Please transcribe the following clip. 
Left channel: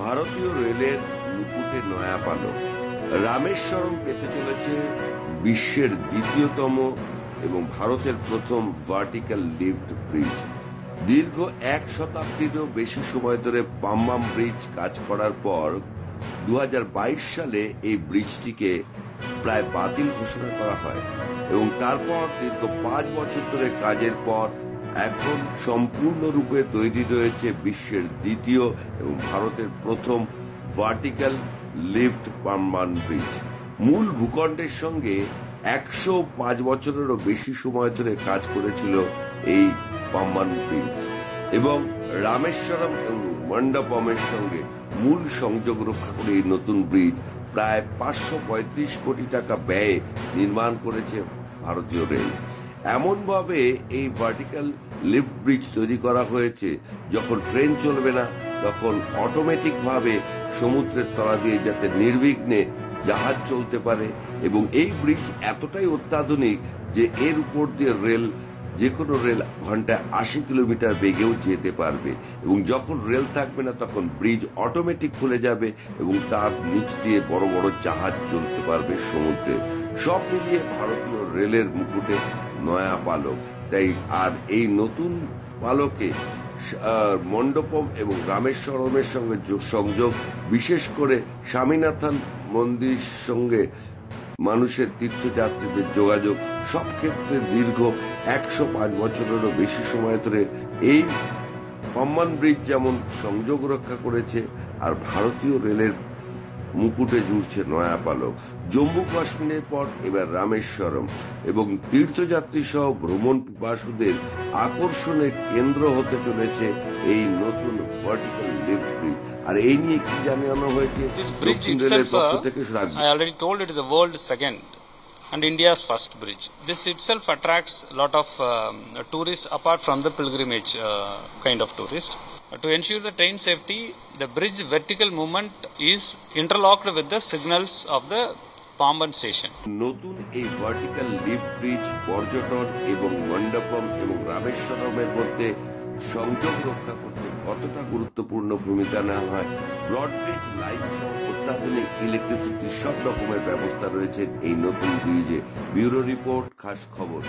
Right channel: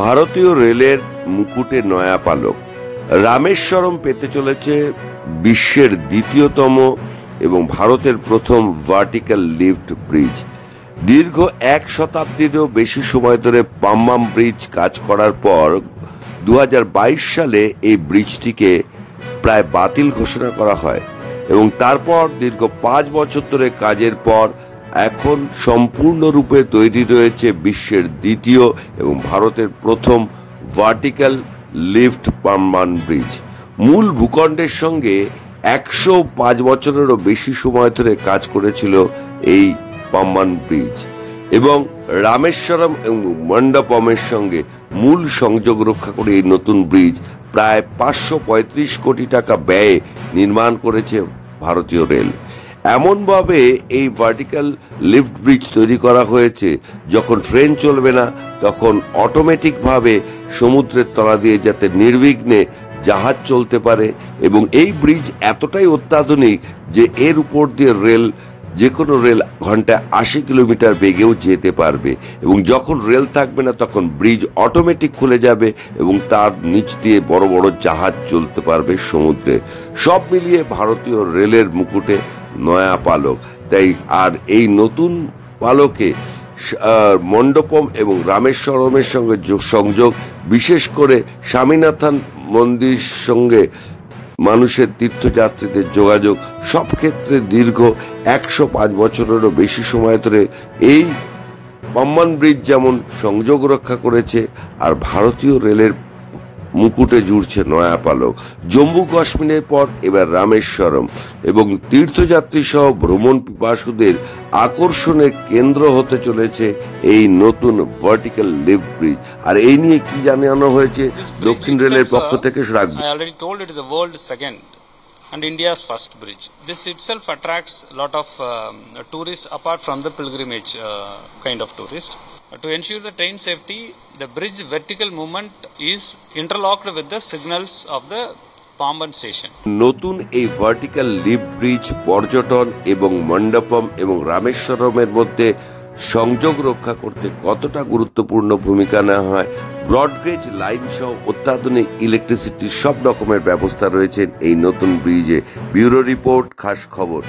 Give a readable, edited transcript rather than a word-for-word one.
ভারতীয় রেলের মুকুটে নয়া পালক। রামেশ্বরম পেতে চলেছে বিশ্বের দ্বিতীয়তম এবং ভারতের প্রথম ভার্টিক্যাল লিফট ব্রিজ। দীর্ঘ 1 শতাব্দীরও বেশি সময় ধরে পাম্বাম ব্রিজ কাজ করার পর 2022 সালে এই ব্রিজটিকে প্রায় বাতিল ঘোষণা করা হয় এবং তারপর দীর্ঘ 5 বছর ধরে কাজের পর এখন সম্পূর্ণরূপে তৈরি রয়েছে বিশ্বের দ্বিতীয় এবং ভারতের প্রথম ভার্টিক্যাল লিফট পাম্বান ব্রিজ। মূল ভূখণ্ডের সঙ্গে 105 বছরেরও বেশি সময় ধরে কাজ করেছিল এই পাম্বান ব্রিজ এবং রামেশ্বরম এবং মণ্ডপমের সঙ্গে মূল সংযোগ রক্ষা করে এই নতুন ব্রিজ প্রায় 535 কোটি টাকা ব্যয়ে নির্মাণ করেছে ভারতীয় রেল। এমনভাবে এই ভার্টিক্যাল লিফট ব্রিজ তৈরি করা হয়েছে, যখন ট্রেন চলবে না তখন অটোমেটিকভাবে সমুদ্রের তলা দিয়ে যাতে নির্বিঘ্নে জাহাজ চলতে পারে। এবং এই ব্রিজ এতটাই অত্যাধুনিক যে এর উপর দিয়ে রেল, যে কোনো রেল ঘন্টায় 80 কিলোমিটার বেগেও যেতে পারবে এবং যখন রেল থাকবে না তখন ব্রিজ অটোমেটিক খুলে যাবে এবং তার নিচ দিয়ে বড় বড় জাহাজ চলতে পারবে সমুদ্রে। সব মিলিয়ে ভারতীয় রেলের মুকুটে নয়া পালক। তাই আর এই নতুন পালকে মণ্ডপম এবং রামেশ্বরমের সঙ্গে সংযোগ, বিশেষ করে স্বামীনাথন মন্দির সঙ্গে মানুষের তীর্থযাত্রীদের যোগাযোগ, সব ক্ষেত্রে দীর্ঘ 105 বছরেরও বেশি সময় ধরে এই পাম্বান ব্রিজ যেমন সংযোগ রক্ষা করেছে, আর ভারতীয় রেলের মুকুটে জুড়ছে নয়া পালক। জম্মু কাশ্মীরের পর এবার রামেশ্বরম এবং তীর্থযাত্রী সহ ভ্রমণ পিপাসুদের আকর্ষণের কেন্দ্র হতে চলেছে এই নতুন ভার্টিক্যাল লিফট ব্রিজ। আর এই নিয়ে কি জানানো হয়েছে দক্ষিণ রেলের পক্ষ থেকে? I already told it is a world second and India's first bridge. This itself attracts a lot of tourists apart from the pilgrimage kind of tourists. To ensure the train safety, the bridge vertical movement is interlocked with the signals of the Pamban station. নতুন এই vertical lift bridge পর্যটন এবং মণ্ডপম এবং রামেশ্বরমের মধ্যে সংযোগ রক্ষা করতে কতটা গুরুত্বপূর্ণ ভূমিকা নেওয়া হয়। ব্রডগেজ লাইন সহ অত্যাধুনিক ইলেকট্রিসিটির সব রকমের ব্যবস্থা রয়েছে এই নতুন ব্রিজে। ব্যুরো রিপোর্ট, খাস খবর।